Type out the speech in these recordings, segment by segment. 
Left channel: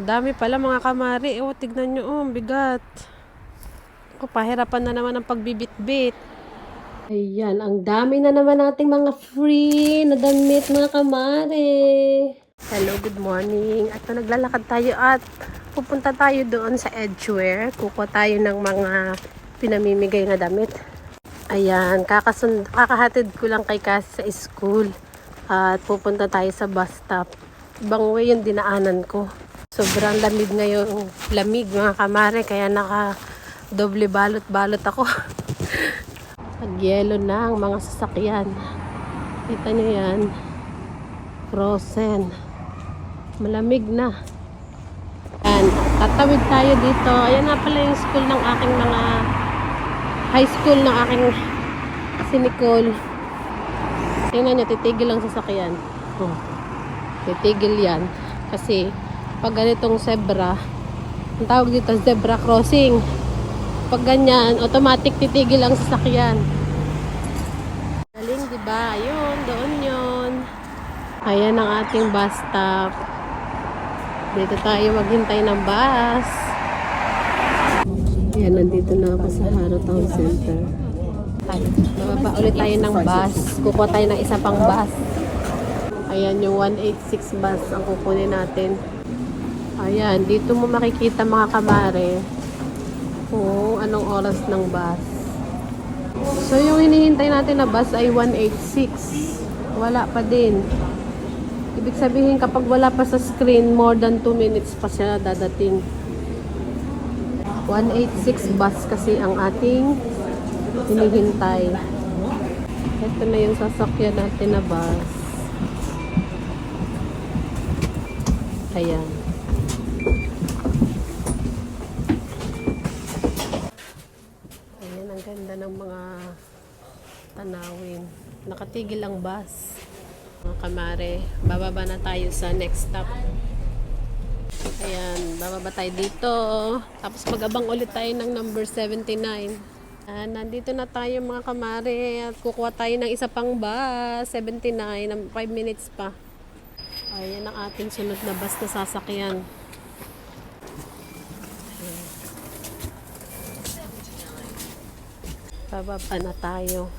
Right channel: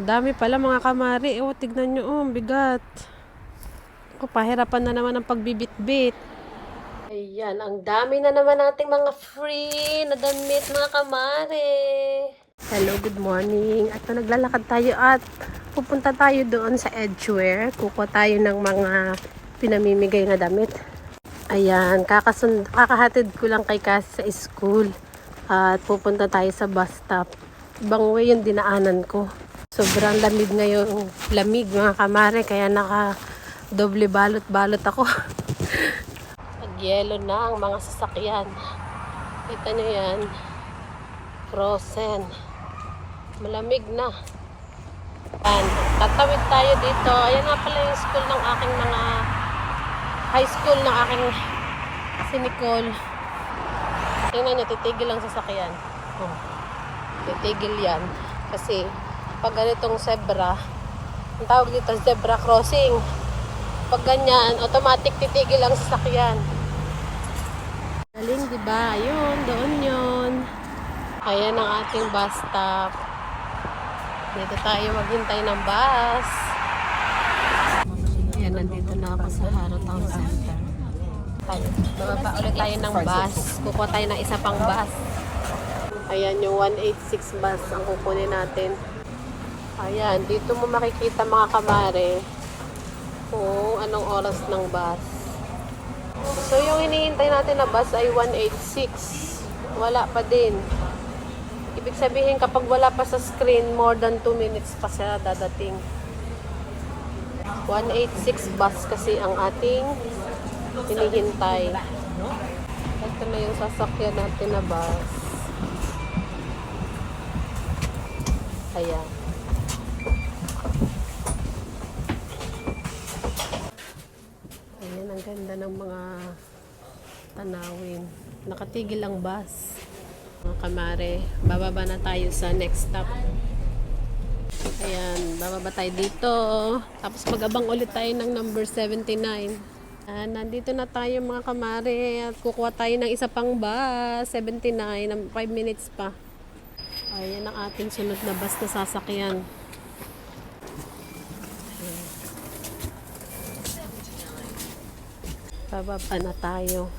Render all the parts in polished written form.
Dami pala mga kamari. Oh, tignan nyo. Oh, ang bigat. Oh, pahirapan na naman ang pagbibitbit. Ayan, ang dami na naman nating mga free na damit mga kamari. Hello, good morning. At naglalakad tayo at pupunta tayo doon sa Edgeware. Kukuha tayo ng mga pinamimigay na damit. Ayan, kakahatid ko lang kay Cassie sa school. At pupunta tayo sa bus stop. Ibang way yung dinaanan ko. Sobrang lamig ngayon. Lamig mga kamare, kaya naka doble balot-balot ako. Pag-yelo na ang mga sasakyan. Kita nyo yan. Frozen. Malamig na. Ayan, tatawid tayo dito. Ayan na pala yung school ng aking mga high school ng aking si Nicole. Tingnan nyo, titigil lang sasakyan. Titigil yan. Kasi pag ganitong zebra, ang tawag dito zebra crossing. Pag ganyan, automatic titigil ang sasakyan. Galing, diba? Ayun, doon yun. Ayan ang ating bus stop. Dito tayo maghintay ng bus. Ayan, nandito na ako sa Haro Town Center. Baba ulit tayo ng bus. Kukuha tayo ng isa pang bus. Ayan yung 186 bus ang kukunin natin. Ayan, dito mo nakikita mga kamare kung anong oras ng bus. So yung hinihintay natin na bus ay 186. Wala pa din. Ibig sabihin kapag wala pa sa screen, more than 2 minutes pa sila dadating. 186 bus kasi ang ating hinihintay. Ito na yung sasakyan natin na bus. Ayan. Ayan, ang ganda ng mga tanawin. Nakatigil ang bus. Mga kamare, bababa na tayo sa next stop. Ayan, bababa tayo dito. Tapos mag-abang ulit tayo ng number 79. Nandito na tayo mga kamare at kukuha tayo ng isa pang bus, 79, 5 minutes pa. Ayan ang ating sunod na bus na sasakyan. Bababa na tayo.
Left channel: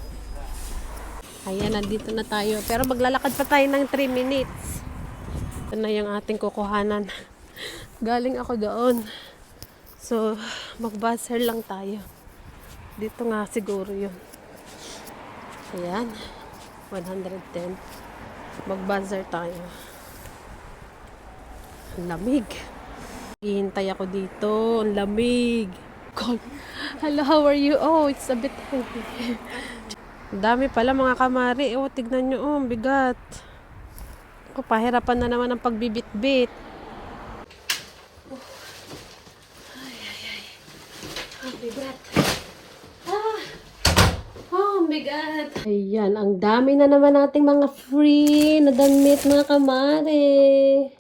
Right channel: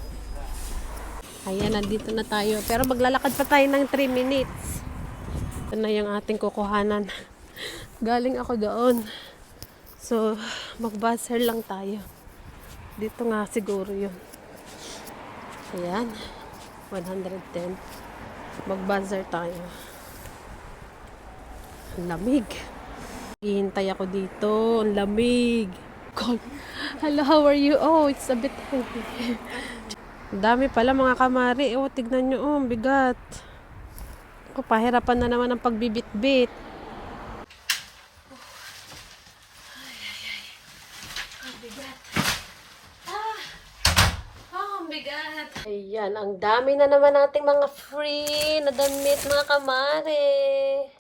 Ayan, nandito na tayo. Pero maglalakad pa tayo ng 3 minutes. Ito na yung ating kukuhanan. Galing ako doon. So, mag-buzzer lang tayo. Dito nga siguro yun. Ayan. 110. Mag-buzzer tayo. Ang lamig. Hihintay ako dito. Ang lamig. God. Hello, how are you? Oh, it's a bit heavy. Dami pala mga kamari. Oh, tignan nyo. Oh, ang bigat. Oh, pahirapan na naman ang pagbibitbit. Ang bigat. Oh, ang bigat. Ayan, ang dami na naman nating mga free na damit mga kamari.